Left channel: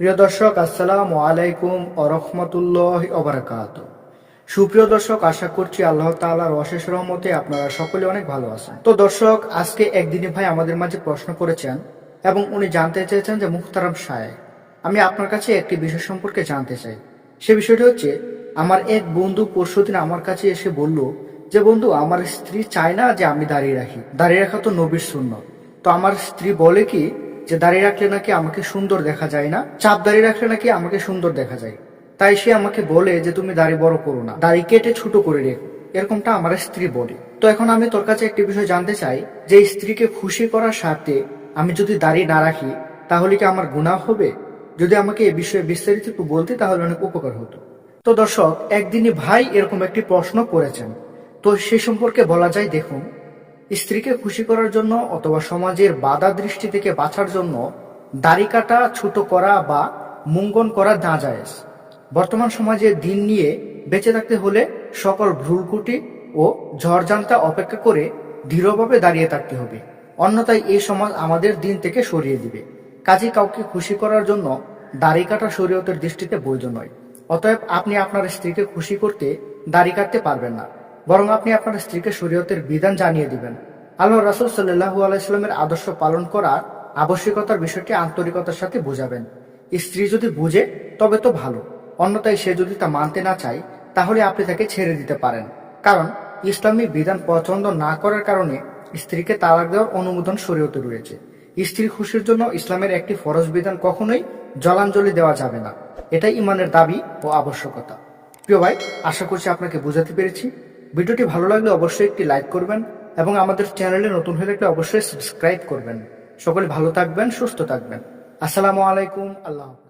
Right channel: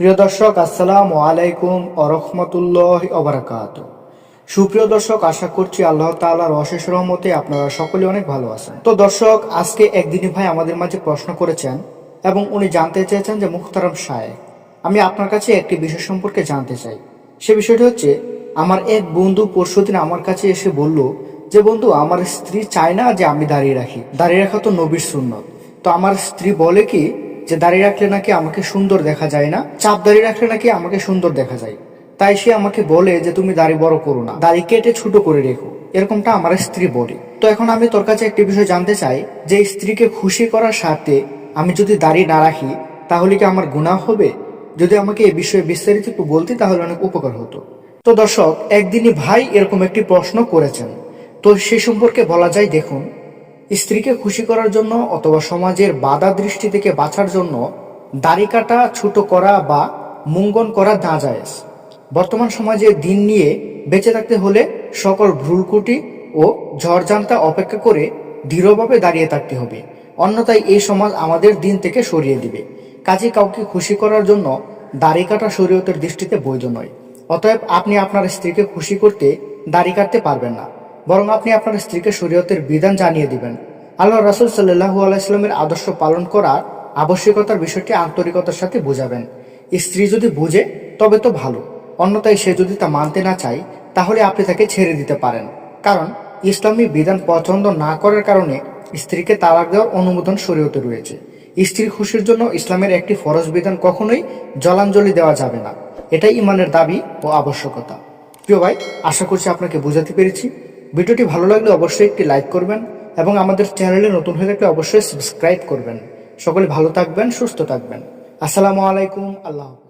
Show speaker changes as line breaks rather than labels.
প্রিয় দর্শক, আসসালাম আলাইকুম আরহামতুল্লাহ অবরাকাত সুপ্রিয় দর্শক, আশা করছি আল্লাহ তাআলার অশেষ রহমতে আপনারা সকলে অনেক ভালো আছেন। তো দর্শক, আজকে একদিনই ভাই আমাদের মাঝে প্রশ্ন করেছেন এবং উনি জানতে চেয়েছেন যে মুখতারাম সাহেব আমি আপনার কাছে একটি বিষয় সম্পর্কে জানতে চাই। সে বিষয়টি হচ্ছে, আমার এক বন্ধু পরশুদিন আমার কাছে এসে বলল যে, বন্ধু, আমার স্ত্রী চায় না যে আমি দাঁড়িয়ে রাখি। দাঁড়িয়ে রাখা তো নবীর সুন্নত। তো আমার স্ত্রী বলে কি যে দাঁড়িয়ে রাখলে নাকি আমাকে সুন্দর দেখা যায় না, চাপ দাঁড়িয়ে রাখলে নাকি আমাকে সুন্দর দেখা যায়। তাই সে আমাকে বলে যে তুমি দাড়ি বড় করো না, দাড়ি কেটে ছোট করে রেখো। এরকমটা আমার স্ত্রী বলে। তো এখন আমি তোর কাছে একটি বিষয় জানতে চাই, যে স্ত্রীকে খুশি করার সাথে আমি যদি দাড়ি না রাখি, তাহলে কি আমার গুনাহ হবে? যদি আমাকে এই বিষয়ে বিস্তারিত একটু বলতে, তাহলে অনেক উপকার হতো। তো দর্শক, একদিনই ভাই এরকম একটি প্রশ্ন করেছেন। তো সে সম্পর্কে বলা যায়, দেখুন স্ত্রীকে খুশি করার জন্য অথবা সমাজের বাধা দৃষ্টি থেকে বাঁচার জন্য দাড়ি কাটা, ছোট করা বা মুঙ্গন করা না যায়। বর্তমান সমাজে দিন নিয়ে বেঁচে থাকতে হলে সকল ভুলকুটি ও ঝড়ঝান্তা অপেক্ষা করে দৃঢ়ভাবে দাঁড়িয়ে থাকতে হবে। অন্যথায় এই সমাজ আমাদের দিন থেকে সরিয়ে দিবে। কাজে কাউকে খুশি করার জন্য দাড়ি কাটা শরীয়তের দৃষ্টিতে বৈধ নয়। অতএব আপনি আপনার স্ত্রীকে খুশি করতে দাড়ি কাটতে পারবেন না। বরং আপনি আপনার স্ত্রীকে শরীয়তের বিধান জানিয়ে দিবেন। আল্লাহ রাসুল সাল্লাহু আলাইস্লামের আদর্শ পালন করার আবশ্যকতার বিষয়টি আন্তরিকতার সাথে বোঝাবেন। স্ত্রী যদি বুঝে, তবে তো ভালো। অন্যথায় সে যদি তা মানতে না চায়, তাহলে আপনি তাকে ছেড়ে দিতে পারেন। কারণ ইসলামী বিধান পছন্দ না করার কারণে স্ত্রীকে তালাক দেওয়ার অনুমোদন শরীয়তে রয়েছে। স্ত্রী খুশির জন্য ইসলামের একটি ফরজ বিধান কখনোই জলাঞ্জলি দেওয়া যাবে না। এটাই ইমানের দাবি ও আবশ্যকতা। প্রিয় ভাই, আশা করছি আপনাকে বোঝাতে পেরেছি। ভিডিওটি ভালো লাগলে অবশ্যই একটি লাইক করবেন এবং আমাদের চ্যানেলে নতুন হয়ে থাকলে অবশ্যই সাবস্ক্রাইব করবেন সকলে ভালো থাকবেন, সুস্থ থাকবেন আসসালামু আলাইকুম, আল্লাহ।